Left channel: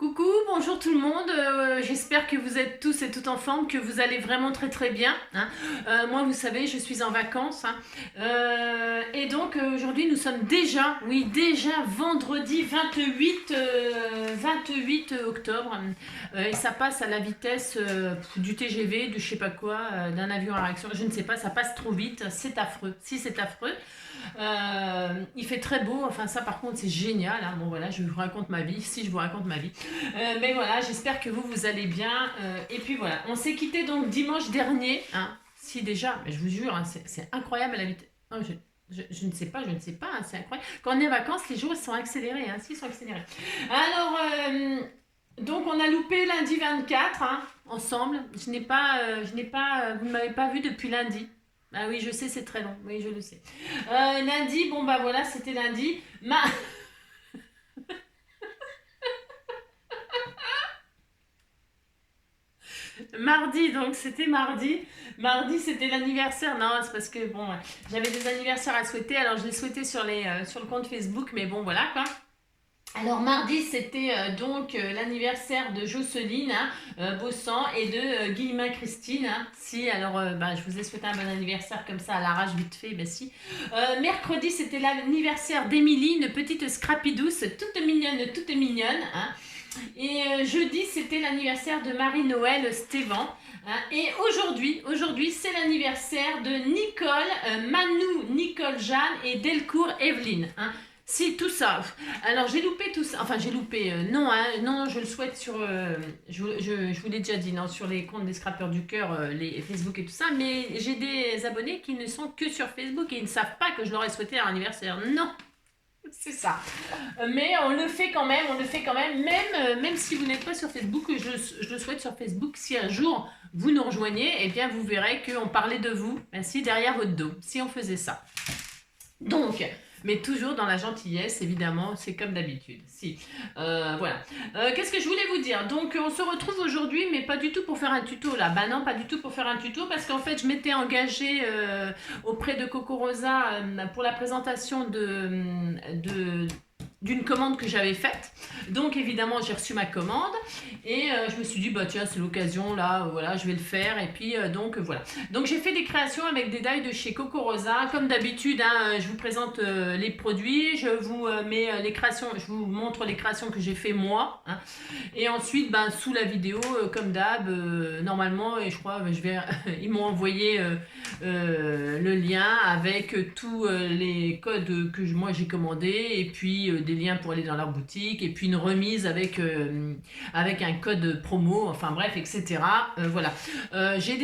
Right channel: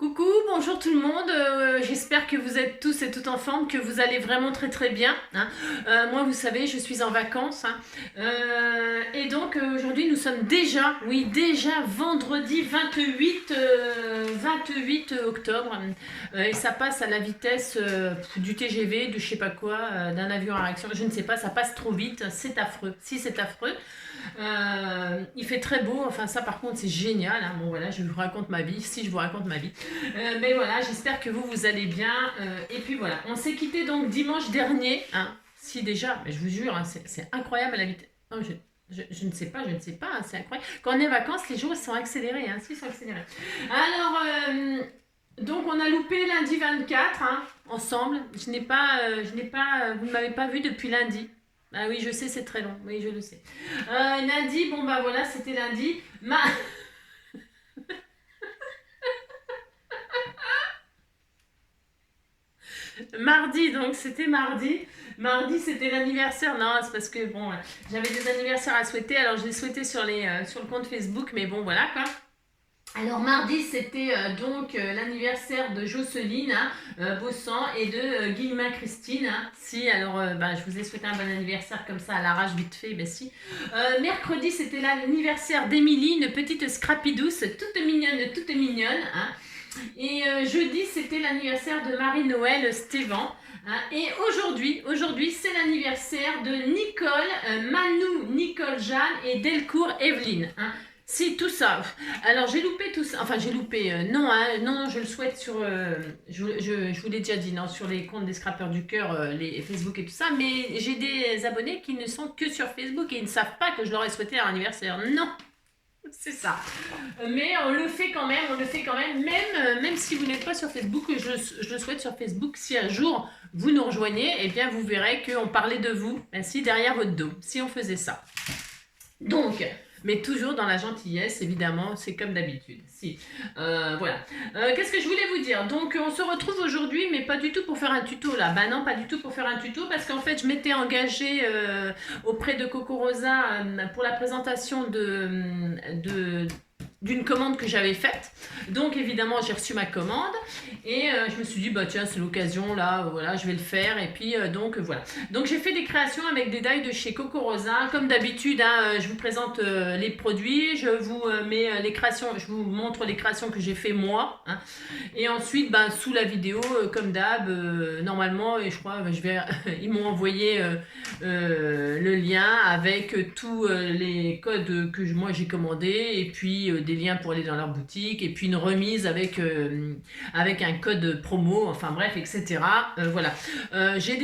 Coucou, bonjour tout le monde, j'espère que vous êtes tous et toutes en forme, que vous allez vraiment très très bien, hein. Moi vous savez, je suis en vacances, hein. Et donc aujourd'hui nous sommes déjà, oui déjà vendredi 28 octobre, et ça passe à la vitesse du TGV, de je sais pas quoi, d'un avion à réaction, je ne sais pas, ça passe trop vite, c'est affreux, si c'est affreux. Il fait très beau, enfin ça par contre c'est génial, hein. Bon voilà, je vous raconte ma vie, si je vous raconte ma vie. Mais voilà, j'espère que vous allez bien. Et puis voilà, on s'est quitté donc dimanche dernier, hein. Si déjà, mais je vous jure, hein, c'est incroyable la vitesse. Oh, je ne sais pas, hein, c'est incroyable. Quand on est en vacances, les jours sont accélérés, hein, si, ils sont accélérés. Alors, donc on a loupé lundi 24, hein, ensemble. Vous ne m'avez pas vu depuis lundi. Ah oui, je sais, c'est très long. Oui, je le sais. Lundi, bon bah voilà, c'était lundi. Mardi, donc c'était mardi. Mardi, c'était l'anniversaire. Non, c'est parce que bon, j'avais des anniversaires à souhaiter. Alors, je les souhaitais sur le compte Facebook, mais bon, voilà quoi. Alors mardi c'était l'anniversaire de Jocelyne, hein, Bossan, et de Guillemin Christine, hein. Si, alors je vous ai souhaité un bon anniversaire comme ça à l'arrache vite fait, ben si. Mercredi c'était l'anniversaire d'Émilie, une petite scrappy douce, toute mignonne, hein. Et jeudi c'était l'anniversaire de Marie-Noël Stévan, hein. Et aujourd'hui c'est l'anniversaire de Nicole, Manou, Nicole Jeanne et Delcourt Evelyne, hein. Si, tout ça. Alors, j'ai loupé tout ça. Enfin, j'ai loupé. Non, hein, non, je le souhaite sur. Je vous l'ai déjà dit, non, sur les comptes des Scrappeurs du Cœur, les Facebook et tout ça. Mais j'ai des abonnés qui ne sont que sur Facebook et ils ne savent pas que je leur ai souhaité leur anniversaire. Non, c'est ça. Mais on le fait quand même, même si vous n'êtes pas sur Facebook, je le souhaite sur Facebook. Si un jour vous nous rejoignez, eh bien, vous verrez qu'on parlait de vous, ainsi derrière votre dos, si on faisait ça. Donc. Mais toujours dans la gentillesse, évidemment, c'est comme d'habitude. Si. Voilà. Qu'est-ce que je voulais vous dire? Donc, on se retrouve aujourd'hui, mais pas du tout pour faire un tuto là. Bah non, pas du tout pour faire un tuto, parce qu'en fait, je m'étais engagée auprès de Coco Rosa pour la présentation d'une commande que j'avais faite. Donc évidemment j'ai reçu ma commande et je me suis dit bah tiens c'est l'occasion là, voilà je vais le faire et puis donc voilà. Donc j'ai fait des créations avec des die de chez Coco Rosa comme d'habitude, hein. Je vous présente les produits, je vous mets les créations, je vous montre les créations que j'ai fait moi, hein. Et ensuite sous la vidéo comme d'hab normalement, et je crois ils m'ont envoyé le lien avec tous les codes que moi j'ai commandé et puis des liens pour aller dans leur boutique et puis une remise avec un code promo, enfin bref, etc. Voilà. J'ai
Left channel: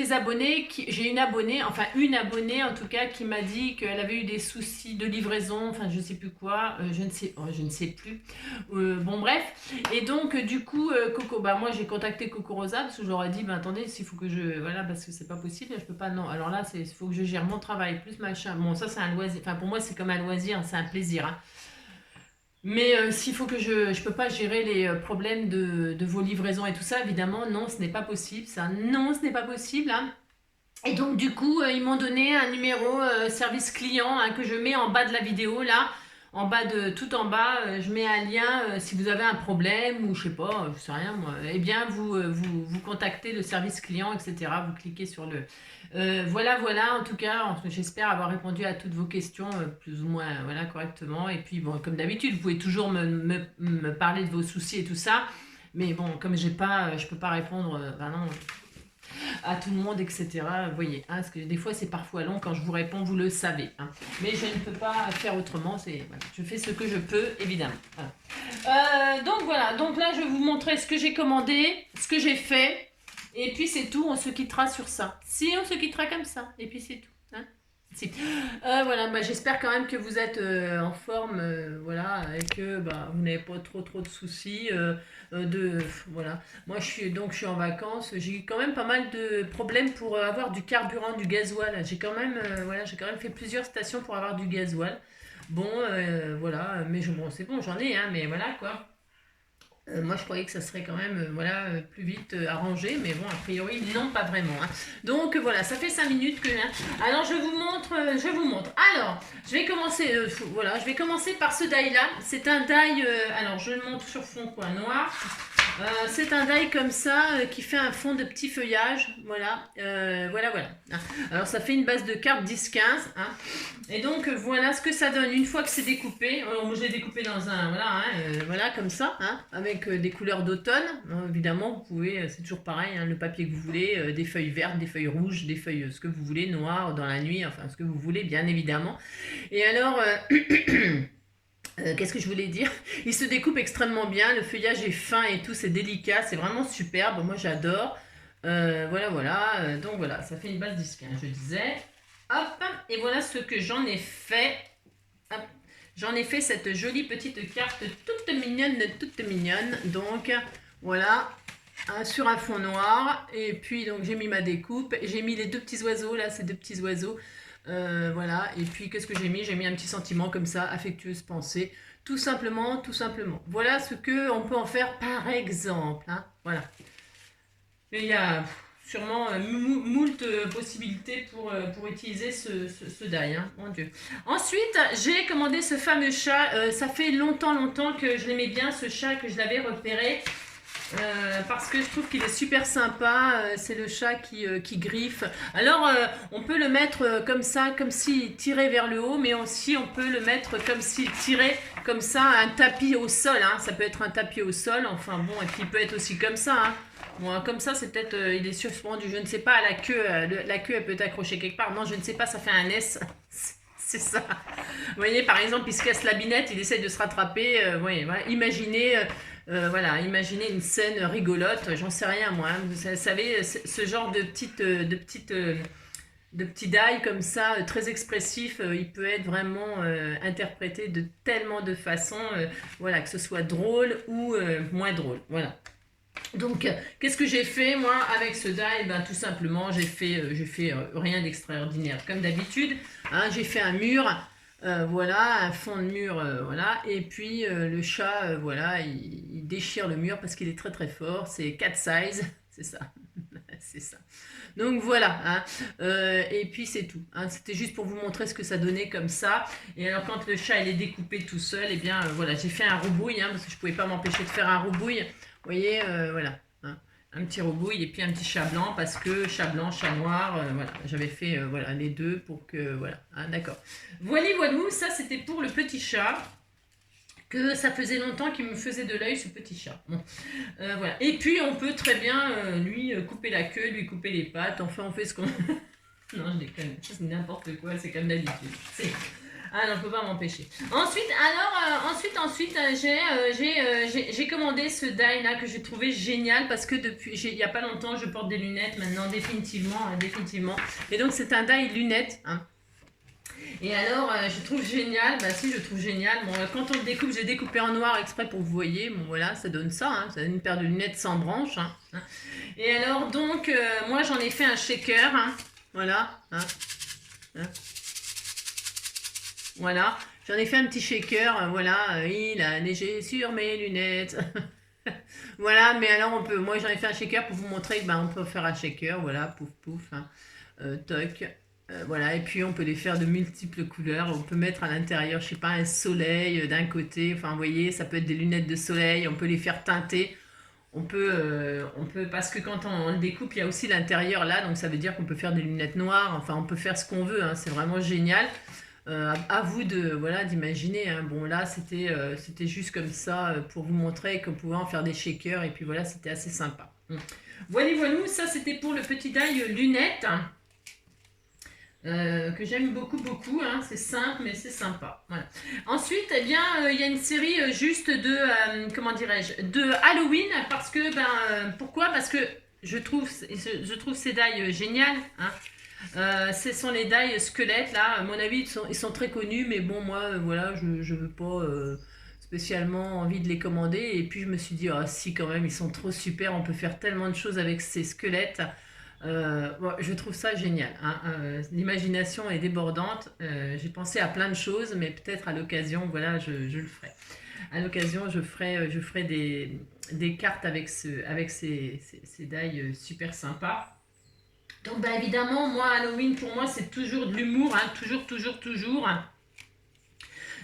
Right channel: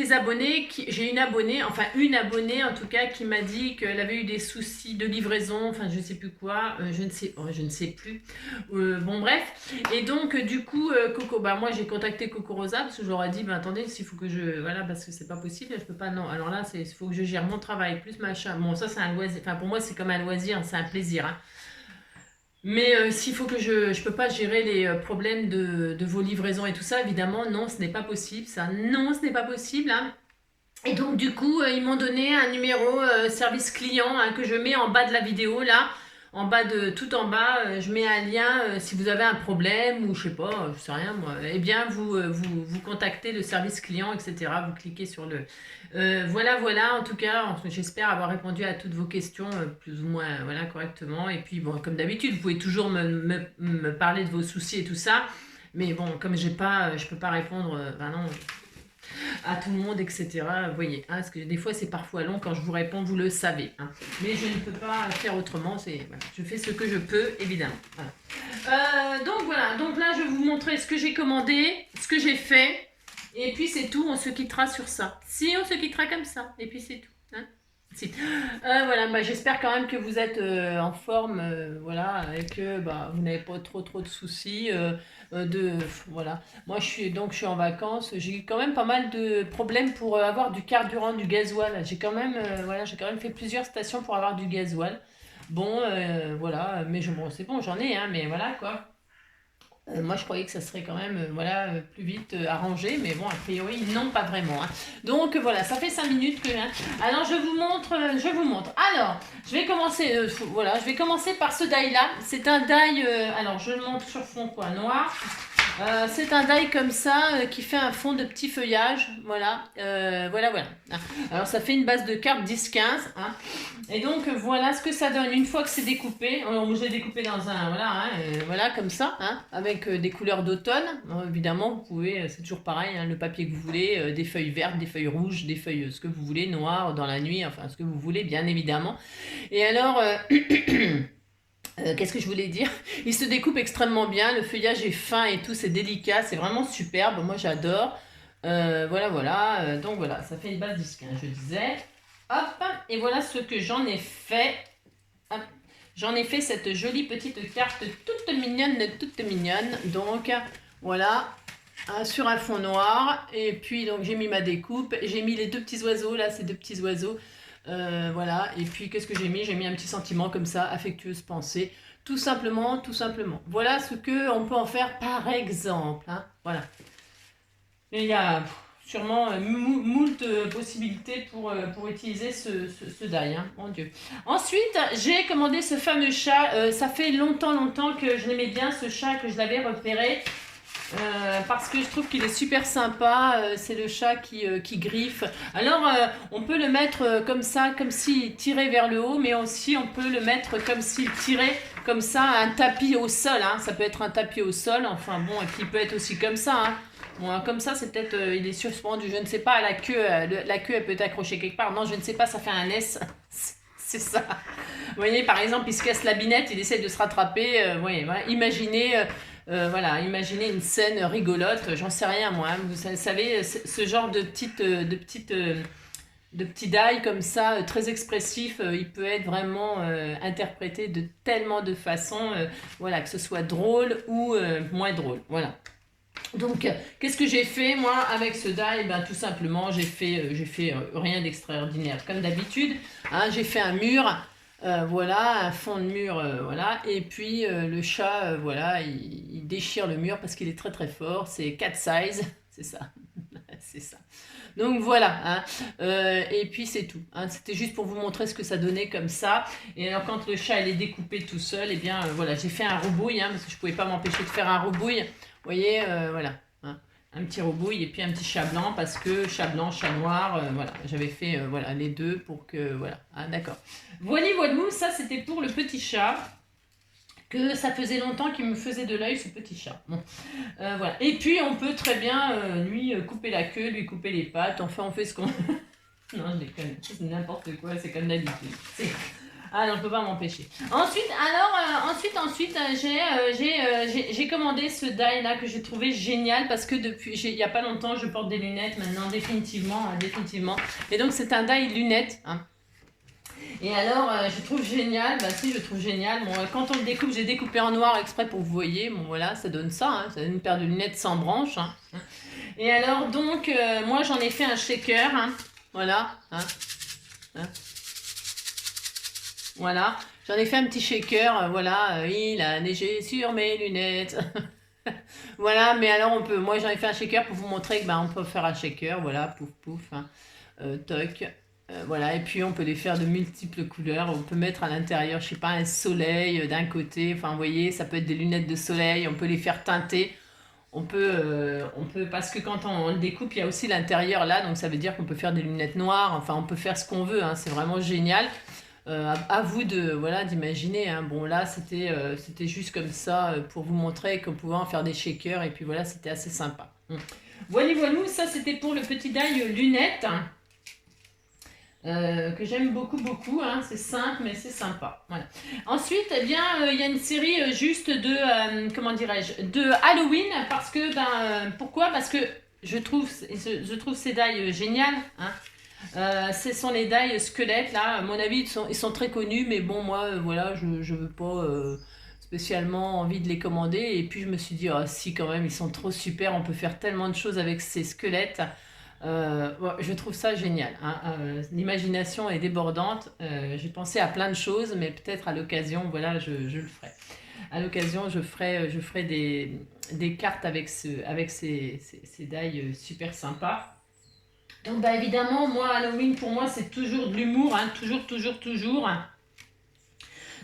une abonnée en tout cas qui m'a dit qu'elle avait eu des soucis de livraison, enfin je ne sais plus quoi, je ne sais plus. Bon bref, et donc du coup Coco, moi j'ai contacté Coco Rosa parce que je leur ai dit attendez, s'il faut que voilà, parce que c'est pas possible, je peux pas, non, alors là il faut que je gère mon travail plus machin, bon ça c'est un loisir, enfin pour moi c'est comme un loisir, c'est un plaisir, hein. Mais s'il faut que je peux pas gérer les problèmes de vos livraisons et tout ça, évidemment, non, ce n'est pas possible, ça, non, ce n'est pas possible, hein. Et donc, du coup, ils m'ont donné un numéro service client, hein, que je mets en bas de la vidéo, là, tout en bas, je mets un lien, si vous avez un problème, ou je sais pas, je sais rien, moi, eh bien, vous contactez le service client, etc., vous cliquez sur le... voilà, en tout cas, j'espère avoir répondu à toutes vos questions, plus ou moins, voilà, correctement, et puis, bon, comme d'habitude, vous pouvez toujours me parler de vos soucis et tout ça, mais bon, comme je peux pas répondre, non, à tout le monde, etc. Vous voyez, hein, parce que des fois c'est parfois long quand je vous réponds, vous le savez, hein. Mais je ne peux pas faire autrement, voilà, je fais ce que je peux, évidemment. Voilà. Donc voilà, donc là je vais vous montrer ce que j'ai commandé, ce que j'ai fait, et puis c'est tout, on se quittera sur ça. Si, on se quittera comme ça, et puis c'est tout. Hein. Si. Voilà, j'espère quand même que vous êtes en forme, voilà, et que vous n'avez pas trop de soucis. Voilà. Moi, je suis en vacances. J'ai eu quand même pas mal de problèmes pour avoir du carburant, du gasoil. J'ai quand même fait plusieurs stations pour avoir du gasoil. Bon, voilà, mais bon, c'est bon, j'en ai, hein, mais voilà quoi. Moi, je croyais que ça serait quand même plus vite arrangé, mais bon, a priori, non, pas vraiment, hein. Donc voilà, ça fait 5 minutes que... Hein. Alors, je vous montre. Alors, je vais commencer par ce die-là. C'est un die, alors je le montre sur fond noir. C'est un die comme ça qui fait un fond de petit feuillage. Voilà, voilà. Alors ça fait une base de cartes 10-15. Hein. Et donc voilà ce que ça donne une fois que c'est découpé. Alors, moi j'ai découpé dans un, voilà comme ça, hein, avec des couleurs d'automne. Évidemment, vous pouvez, c'est toujours pareil, hein, le papier que vous voulez, des feuilles vertes, des feuilles rouges, des feuilles, ce que vous voulez, noires, dans la nuit, enfin ce que vous voulez, bien évidemment. Et alors... qu'est-ce que je voulais dire? Il se découpe extrêmement bien, le feuillage est fin et tout, c'est délicat, c'est vraiment superbe, moi j'adore. Voilà, donc voilà, ça fait une base 10-15, je disais. Hop, et voilà ce que j'en ai fait. Hop. J'en ai fait cette jolie petite carte toute mignonne. Donc voilà, sur un fond noir. Et puis donc j'ai mis ma découpe, j'ai mis les deux petits oiseaux, là, ces deux petits oiseaux. Voilà, et puis qu'est-ce que j'ai mis? J'ai mis un petit sentiment comme ça, affectueuse pensée, tout simplement. Voilà ce qu'on peut en faire par exemple, hein, voilà. Et il y a sûrement moult possibilités pour utiliser ce die, hein, mon Dieu. Ensuite, j'ai commandé ce fameux chat, ça fait longtemps que je l'aimais bien, ce chat, que je l'avais repéré. Parce que je trouve qu'il est super sympa, c'est le chat qui griffe. Alors on peut le mettre comme ça, comme s'il tirait vers le haut, mais aussi on peut le mettre comme s'il tirait comme ça un tapis au sol, hein. Ça peut être un tapis au sol, enfin bon, et puis il peut être aussi comme ça, hein. Bon, comme ça c'est peut-être, il est suspendu, je ne sais pas, la queue elle peut être accrochée quelque part, non je ne sais pas, ça fait un S. C'est ça. Vous voyez, par exemple, il se casse la binette, il essaye de se rattraper. Voyez, voilà. Imaginez une scène rigolote, j'en sais rien moi. Hein. Vous savez, ce genre de petits die comme ça, très expressif, il peut être vraiment interprété de tellement de façons, voilà, que ce soit drôle ou moins drôle. Voilà. Donc, qu'est-ce que j'ai fait moi avec ce die? Ben, tout simplement, j'ai fait rien d'extraordinaire comme d'habitude. Hein, j'ai fait un mur, voilà, un fond de mur, voilà. Et puis le chat, voilà, il déchire le mur parce qu'il est très fort. C'est cat size, c'est ça, c'est ça. Donc voilà, hein. Et puis c'est tout. Hein. C'était juste pour vous montrer ce que ça donnait comme ça. Et alors quand le chat il est découpé tout seul, et bien voilà, j'ai fait un rebouille, hein, parce que je pouvais pas m'empêcher de faire un rebouille. Vous voyez, voilà, hein, un petit rebouille et puis un petit chat blanc parce que chat blanc, chat noir, voilà, j'avais fait voilà, les deux pour que, voilà, hein, d'accord. Voilà, ça c'était pour le petit chat, que ça faisait longtemps qu'il me faisait de l'œil ce petit chat. Bon, voilà. Et puis on peut très bien lui couper la queue, lui couper les pattes, enfin on fait ce qu'on... non, je déconne, c'est n'importe quoi, c'est comme d'habitude. Ah non, je peux pas m'empêcher. Ensuite, j'ai commandé ce die là que j'ai trouvé génial parce que depuis, il y a pas longtemps, je porte des lunettes maintenant, définitivement. Et donc c'est un die lunettes. Hein. Et alors, je trouve génial, bah si, je trouve génial. Bon, quand on le découpe, j'ai découpé en noir exprès pour que vous voyez. Bon, voilà, ça donne ça, hein, ça donne une paire de lunettes sans branche. Hein. Et alors, donc, moi, j'en ai fait un shaker. Hein, voilà. Hein, hein. Voilà, j'en ai fait un petit shaker, voilà, il a neigé sur mes lunettes. Voilà, mais alors moi j'en ai fait un shaker pour vous montrer que on peut faire un shaker, voilà, pouf pouf, hein, toc, voilà, et puis on peut les faire de multiples couleurs, on peut mettre à l'intérieur, je sais pas, un soleil d'un côté, enfin vous voyez, ça peut être des lunettes de soleil, on peut les faire teinter. On peut, parce que quand on le découpe, il y a aussi l'intérieur là, donc ça veut dire qu'on peut faire des lunettes noires, enfin on peut faire ce qu'on veut, hein, c'est vraiment génial. À vous de voilà d'imaginer. Hein. Bon là c'était juste comme ça pour vous montrer qu'on pouvait en faire des shakers et puis voilà c'était assez sympa. Voilà, ça c'était pour le petit die lunettes que j'aime beaucoup. Hein. C'est simple mais c'est sympa. Voilà. Ensuite il y a une série juste de comment dirais-je de Halloween parce que pourquoi? Parce que je trouve ces die géniales. Hein. Ce sont les die squelettes là, à mon avis ils sont très connus mais bon moi voilà je veux pas spécialement envie de les commander et puis je me suis dit si quand même ils sont trop super, on peut faire tellement de choses avec ces squelettes, bon, je trouve ça génial, hein. L'imagination est débordante, j'ai pensé à plein de choses mais peut-être à l'occasion voilà je le ferai. À l'occasion je ferai des cartes avec ces die super sympas. Donc évidemment, moi, Halloween, pour moi, c'est toujours de l'humour, hein, toujours.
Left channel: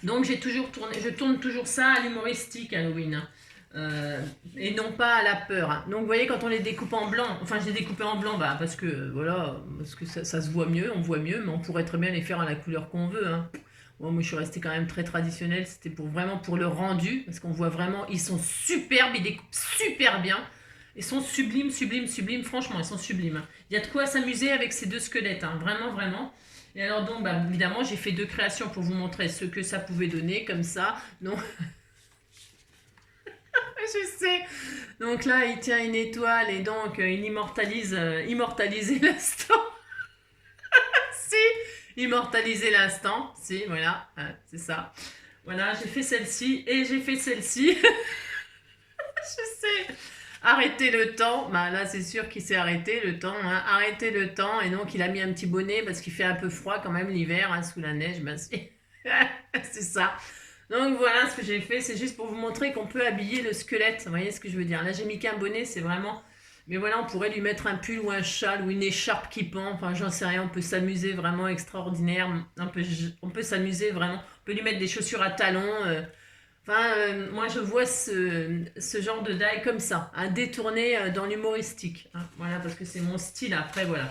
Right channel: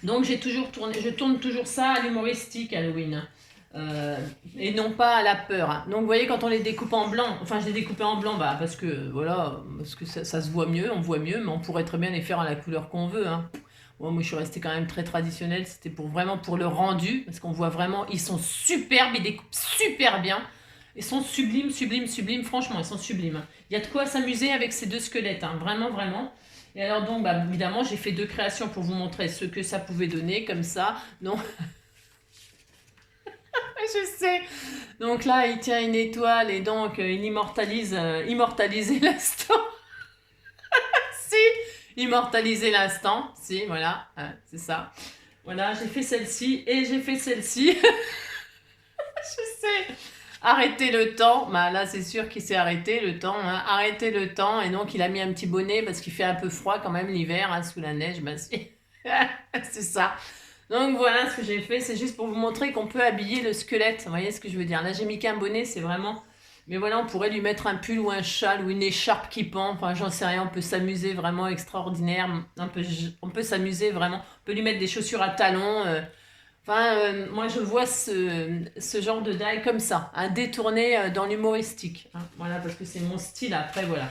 Donc je tourne toujours ça à l'humoristique, Halloween. Hein. et non pas à la peur. Hein. Donc vous voyez, quand on les découpe en blanc, enfin je les découpais en blanc parce que voilà, parce que ça se voit mieux, on voit mieux, mais on pourrait très bien les faire à la couleur qu'on veut. Hein. Bon, moi je suis restée quand même très traditionnelle, c'était vraiment pour le rendu, parce qu'on voit vraiment, ils sont superbes, ils découpent super bien. Ils sont sublimes, sublimes, sublimes, franchement, ils sont sublimes. Il y a de quoi s'amuser avec ces deux squelettes, hein, vraiment, vraiment. Et alors donc, bah, évidemment, j'ai fait deux créations pour vous montrer ce que ça pouvait donner, comme ça. Donc, je sais. Donc là, il tient une étoile et donc il immortaliser l'instant. Si, immortaliser l'instant. Si, voilà, c'est ça. Voilà, j'ai fait celle-ci et j'ai fait celle-ci. Je sais. Arrêter le temps, bah là c'est sûr qu'il s'est arrêté le temps, hein. Arrêter le temps, et donc il a mis un petit bonnet parce qu'il fait un peu froid quand même l'hiver, hein, sous la neige, bah c'est ça. Donc voilà ce que j'ai fait, c'est juste pour vous montrer qu'on peut habiller le squelette, vous voyez ce que je veux dire. Là j'ai mis qu'un bonnet, c'est vraiment... Mais voilà, on pourrait lui mettre un pull ou un châle ou une écharpe qui pend, enfin j'en sais rien, on peut s'amuser vraiment extraordinaire, on peut s'amuser vraiment, on peut lui mettre des chaussures à talons... Enfin, moi je vois ce genre de die comme ça, un détourné dans l'humoristique. Hein, voilà, parce que c'est mon style après, voilà.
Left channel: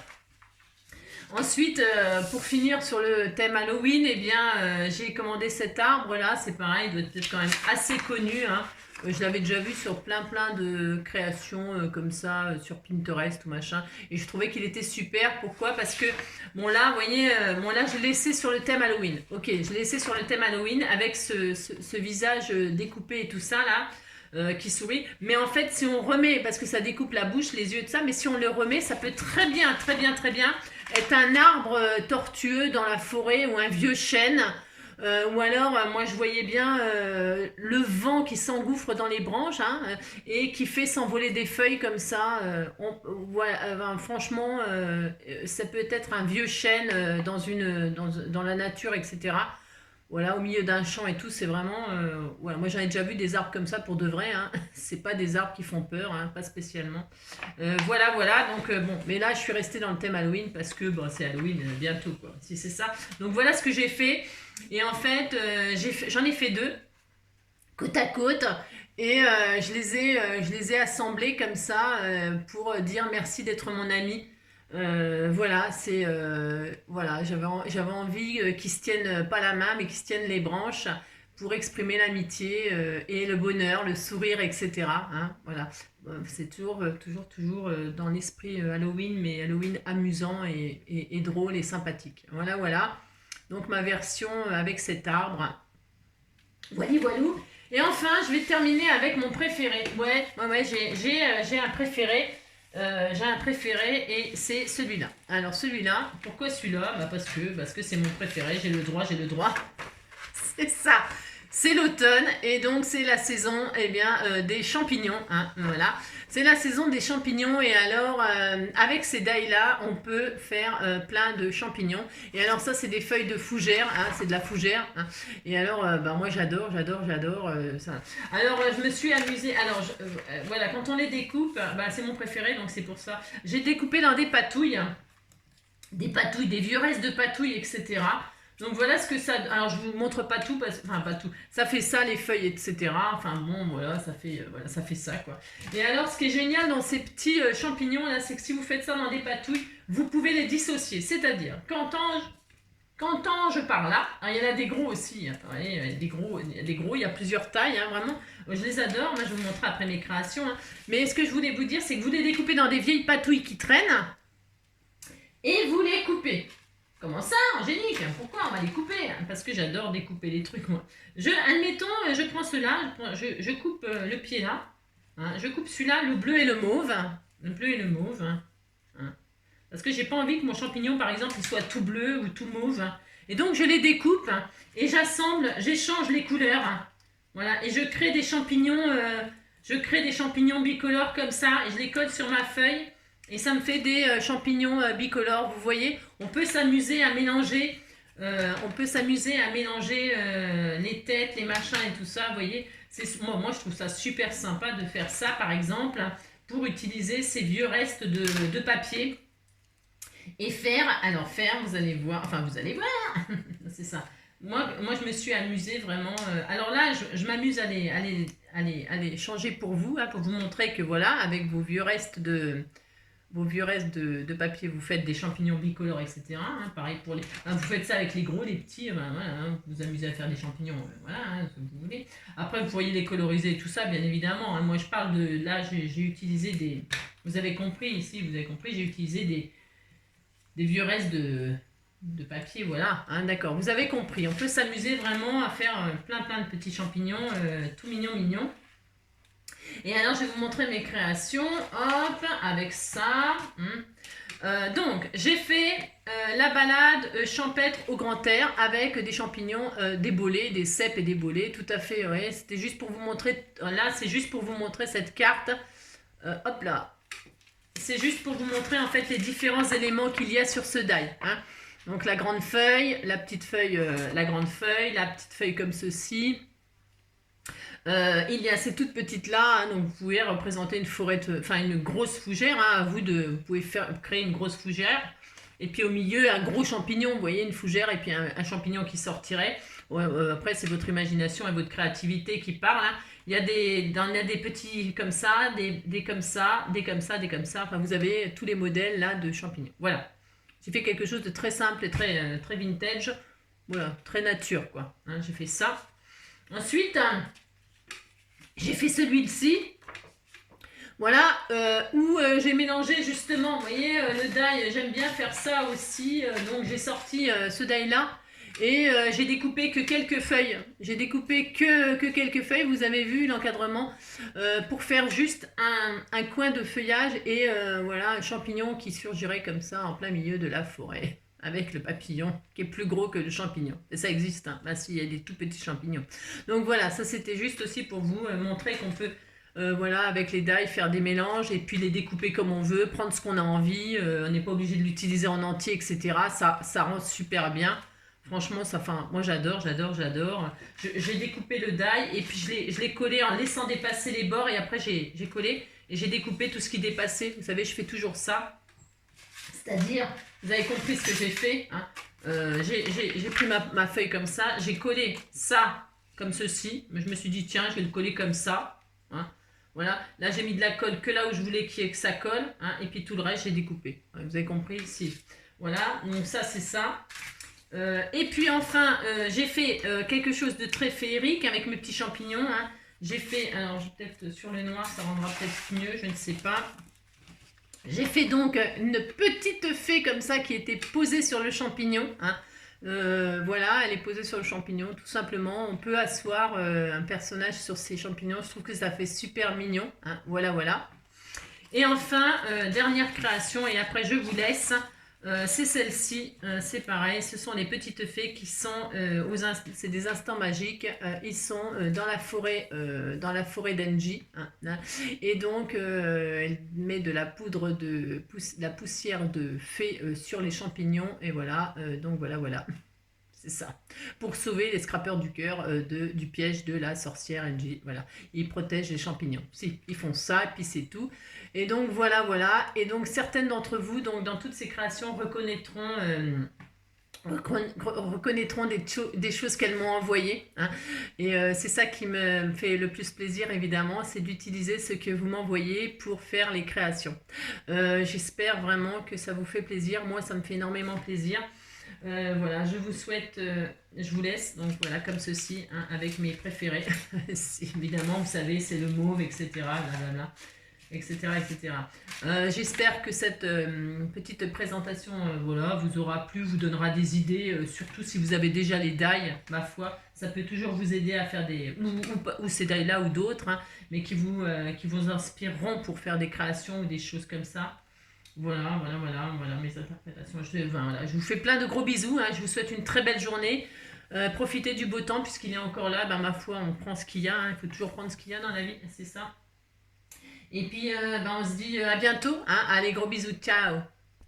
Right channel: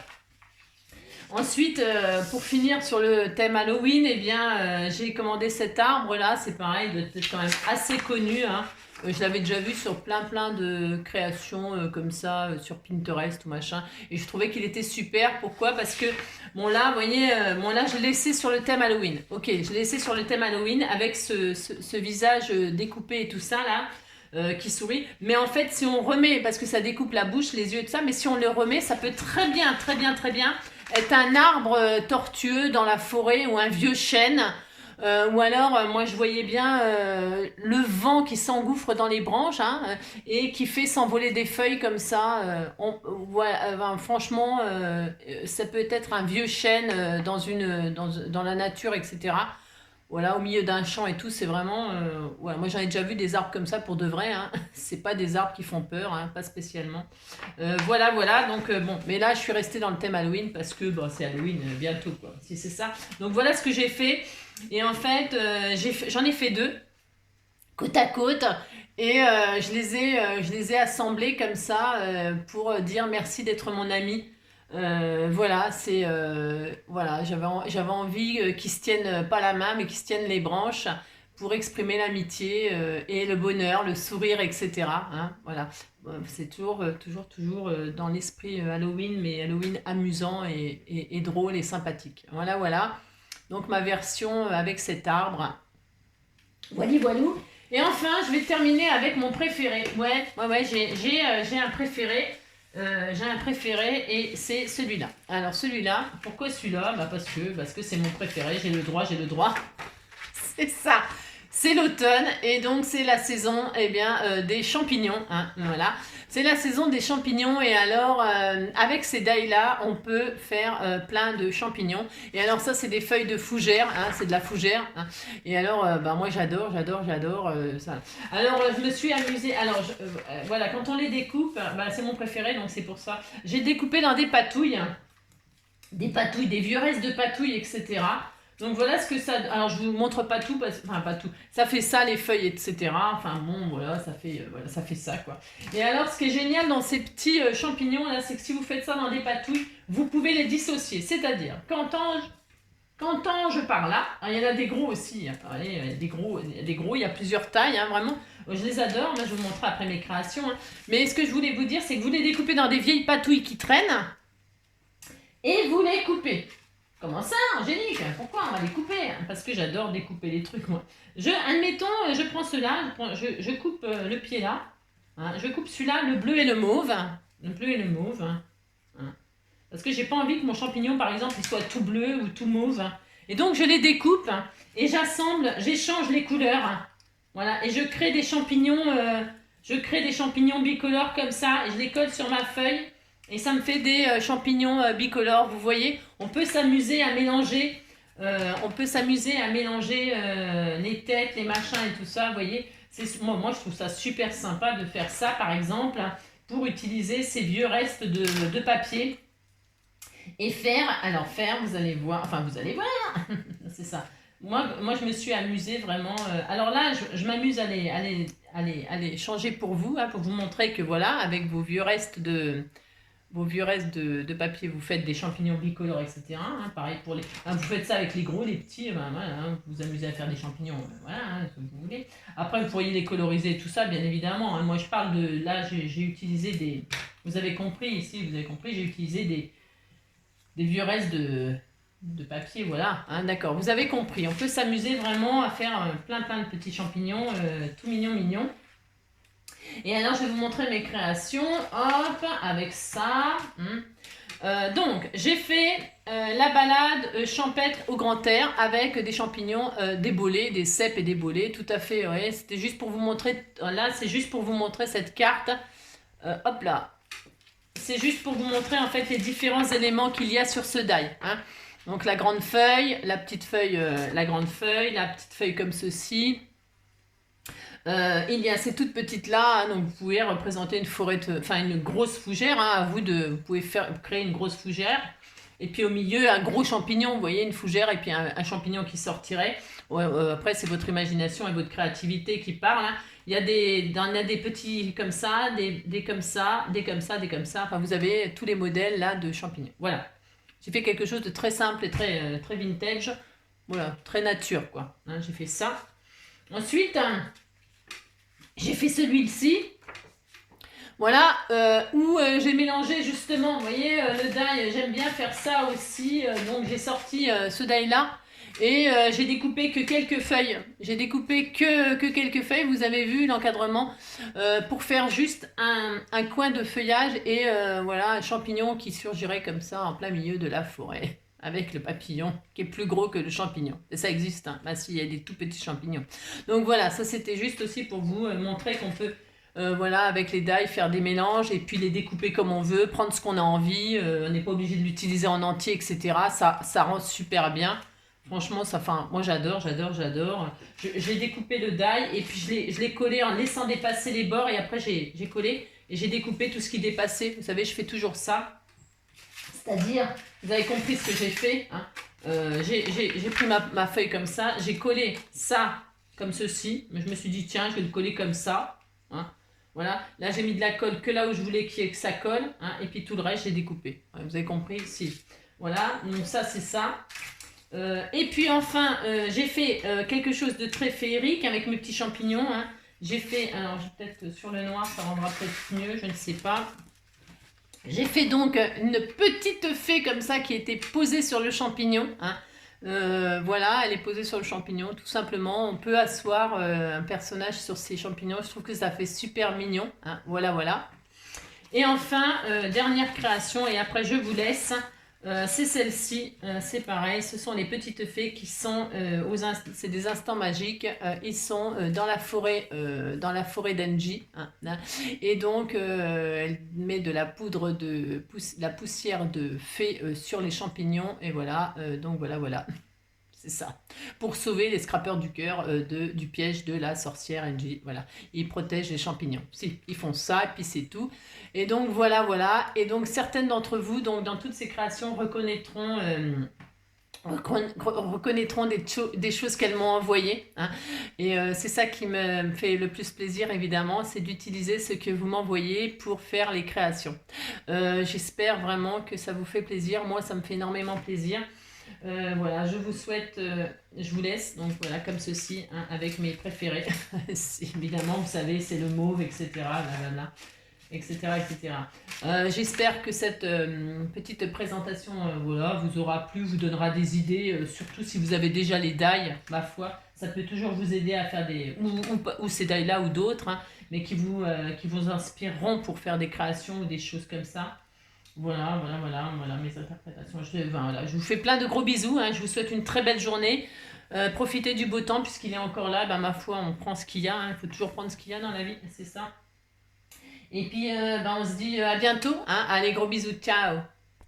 Ensuite, pour finir sur le thème Halloween, eh bien, j'ai commandé cet arbre-là, c'est pareil, il doit être quand même assez connu. Hein. Je l'avais déjà vu sur plein de créations comme ça, sur Pinterest ou machin. Et je trouvais qu'il était super. Pourquoi? Parce que, bon là, vous voyez, là, je l'ai laissé sur le thème Halloween. Ok, je l'ai laissé sur le thème Halloween avec ce visage découpé et tout ça, là. Qui sourit, mais en fait si on remet, parce que ça découpe la bouche, les yeux et tout ça, mais si on le remet, ça peut très bien être un arbre tortueux dans la forêt ou un vieux chêne. Ou alors, moi je voyais bien le vent qui s'engouffre dans les branches, hein, et qui fait s'envoler des feuilles comme ça. Franchement, ça peut être un vieux chêne dans la nature, etc. Voilà, au milieu d'un champ et tout, c'est vraiment... voilà. Moi, j'en ai déjà vu des arbres comme ça pour de vrai. Hein. C'est pas des arbres qui font peur, hein, pas spécialement. Voilà. Donc, bon, mais là, je suis restée dans le thème Halloween parce que bon, c'est Halloween bientôt, quoi. Si c'est ça. Donc, voilà ce que j'ai fait. Et en fait, j'en ai fait deux, côte à côte. Et je les ai assemblés comme ça pour dire merci d'être mon ami. Voilà, voilà, j'avais envie qu'ils se tiennent pas la main, mais qu'ils se tiennent les branches pour exprimer l'amitié et le bonheur, le sourire, etc. Hein, voilà, c'est toujours dans l'esprit Halloween, mais Halloween amusant et drôle et sympathique. Voilà. Donc ma version avec cet arbre. Voilou. Et enfin, je vais terminer avec mon préféré. Ouais, j'ai un préféré. J'ai un préféré et c'est celui-là. Alors celui-là, pourquoi celui-là? Parce que c'est mon préféré, j'ai le droit. C'est ça, c'est l'automne et donc c'est la saison des champignons. Hein, voilà, c'est la saison des champignons et alors avec ces dailles-là, on peut faire plein de champignons. Et alors ça, c'est des feuilles de fougère, hein, c'est de la fougère. Hein. Et alors, moi j'adore ça. Alors je me suis amusée. Alors voilà, quand on les découpe, c'est mon préféré, donc c'est pour ça. J'ai découpé dans des patouilles, des vieux restes de patouilles, etc. Donc voilà ce que ça... Alors je vous montre pas tout, pas tout. Ça fait ça les feuilles, etc. Enfin bon, voilà, ça fait ça quoi. Et alors ce qui est génial dans ces petits champignons là, c'est que si vous faites ça dans des patouilles, vous pouvez les dissocier. C'est-à-dire, quand je pars là, il y en a des gros aussi. Hein, il y a des gros, il y a plusieurs tailles, hein, vraiment. Je les adore, moi je vais vous montrer après mes créations. Hein. Mais ce que je voulais vous dire, c'est que vous les découpez dans des vieilles patouilles qui traînent et vous les coupez. Comment ça, Angélique? Pourquoi on va les couper? Parce que j'adore découper les trucs, moi. Admettons, je prends cela, je coupe le pied là. Hein, je coupe celui-là, le bleu et le mauve. Le bleu et le mauve. Hein, parce que j'ai pas envie que mon champignon, par exemple, il soit tout bleu ou tout mauve. Hein. Et donc, je les découpe et j'assemble, j'échange les couleurs. Hein. Voilà, et je crée des champignons bicolores comme ça et je les colle sur ma feuille. Et ça me fait des champignons bicolores, vous voyez. On peut s'amuser à mélanger, les têtes, les machins et tout ça, vous voyez. Moi, je trouve ça super sympa de faire ça, par exemple, pour utiliser ces vieux restes de papier. Et faire, vous allez voir, c'est ça. moi, je me suis amusée vraiment. Alors là, je m'amuse à les changer pour vous, hein, pour vous montrer que voilà, avec vos vieux restes de papier, vous faites des champignons bicolores, etc. Hein, pareil pour les. Hein, vous faites ça avec les gros, les petits, ben, voilà, hein, vous vous amusez à faire des champignons, voilà, hein, comme vous voulez. Après, vous pourriez les coloriser, tout ça, bien évidemment. Hein. Moi, je parle de. Là, j'ai utilisé des. Vous avez compris ici, vous avez compris, j'ai utilisé des vieux restes de papier, voilà. Hein, d'accord, vous avez compris. On peut s'amuser vraiment à faire plein de petits champignons, tout mignons. Et alors, je vais vous montrer mes créations. Hop, avec ça. Donc, j'ai fait la balade champêtre au grand air avec des champignons débolés, des cèpes et débolés. Tout à fait, ouais. C'était juste pour vous montrer. Là, c'est juste pour vous montrer cette carte. Hop là. C'est juste pour vous montrer en fait les différents éléments qu'il y a sur ce die. Hein. Donc, la grande feuille, la petite feuille, la grande feuille, la petite feuille comme ceci. Il y a ces toutes petites là, hein, donc vous pouvez représenter une forêt, enfin une grosse fougère, hein, à vous vous pouvez créer une grosse fougère, et puis au milieu un gros champignon, vous voyez une fougère et puis un champignon qui sortirait. Ouais, après c'est votre imagination et votre créativité qui parle. Hein. Il y a des petits comme ça, des comme ça, des comme ça, des comme ça. Enfin vous avez tous les modèles là de champignons. Voilà. J'ai fait quelque chose de très simple et très vintage. Voilà, très nature quoi. Hein, j'ai fait ça. Ensuite. J'ai fait celui-ci, voilà, où j'ai mélangé justement, vous voyez, le die, j'aime bien faire ça aussi, donc j'ai sorti ce die-là, et j'ai découpé que quelques feuilles, j'ai découpé que quelques feuilles, vous avez vu l'encadrement, pour faire juste un coin de feuillage, et voilà, un champignon qui surgirait comme ça en plein milieu de la forêt. Avec le papillon qui est plus gros que le champignon. Et ça existe, hein. Bah si, il y a des tout petits champignons. Donc voilà, ça c'était juste aussi pour vous montrer qu'on peut, voilà, avec les die, faire des mélanges et puis les découper comme on veut, prendre ce qu'on a envie, on n'est pas obligé de l'utiliser en entier, etc. Ça rend super bien. Franchement, moi j'adore. J'ai découpé le die et puis je l'ai collé en laissant dépasser les bords et après j'ai collé et j'ai découpé tout ce qui dépassait. Vous savez, je fais toujours ça. C'est-à-dire, vous avez compris ce que j'ai fait. Hein. J'ai pris ma feuille comme ça, j'ai collé ça comme ceci. Mais je me suis dit, tiens, je vais le coller comme ça. Hein. Voilà, là j'ai mis de la colle que là où je voulais que ça colle. Hein. Et puis tout le reste, j'ai découpé. Ouais, vous avez compris ici. Voilà, donc ça c'est ça. Et puis enfin, j'ai fait quelque chose de très féerique avec mes petits champignons. Hein. J'ai fait, alors peut-être sur le noir, ça rendra peut-être mieux, je ne sais pas. J'ai fait donc une petite fée comme ça qui était posée sur le champignon. Hein. Voilà, elle est posée sur le champignon, tout simplement. On peut asseoir un personnage sur ces champignons. Je trouve que ça fait super mignon. Hein. Voilà. Et enfin, dernière création, et après je vous laisse. C'est celle-ci, c'est pareil, ce sont les petites fées qui sont, c'est des instants magiques, ils sont dans la forêt d'Enji, hein, et donc elle met de la poudre la poussière de fée sur les champignons, et voilà, donc voilà, c'est ça, pour sauver les scrappeurs du cœur du piège de la sorcière Enji, voilà, ils protègent les champignons, si, ils font ça, et puis c'est tout. Et donc voilà. Et donc certaines d'entre vous, donc dans toutes ces créations, reconnaîtront des choses qu'elles m'ont envoyées. Hein. Et c'est ça qui me fait le plus plaisir, évidemment, c'est d'utiliser ce que vous m'envoyez pour faire les créations. J'espère vraiment que ça vous fait plaisir. Moi, ça me fait énormément plaisir. Voilà, je vous souhaite, je vous laisse, donc voilà, comme ceci, hein, avec mes préférés. Évidemment, vous savez, c'est le mauve, etc. Etc. J'espère que cette petite présentation voilà, vous aura plu, vous donnera des idées, surtout si vous avez déjà les die, ma foi, ça peut toujours vous aider à faire des... ou ces die-là ou d'autres, hein, mais qui vous inspireront pour faire des créations ou des choses comme ça. Voilà mes interprétations. Je vous fais plein de gros bisous, hein, je vous souhaite une très belle journée. Profitez du beau temps puisqu'il est encore là, ma foi, on prend ce qu'il y a, hein, il faut toujours prendre ce qu'il y a dans la vie, c'est ça. Et puis, on se dit à bientôt. Hein. Allez, gros bisous. Ciao.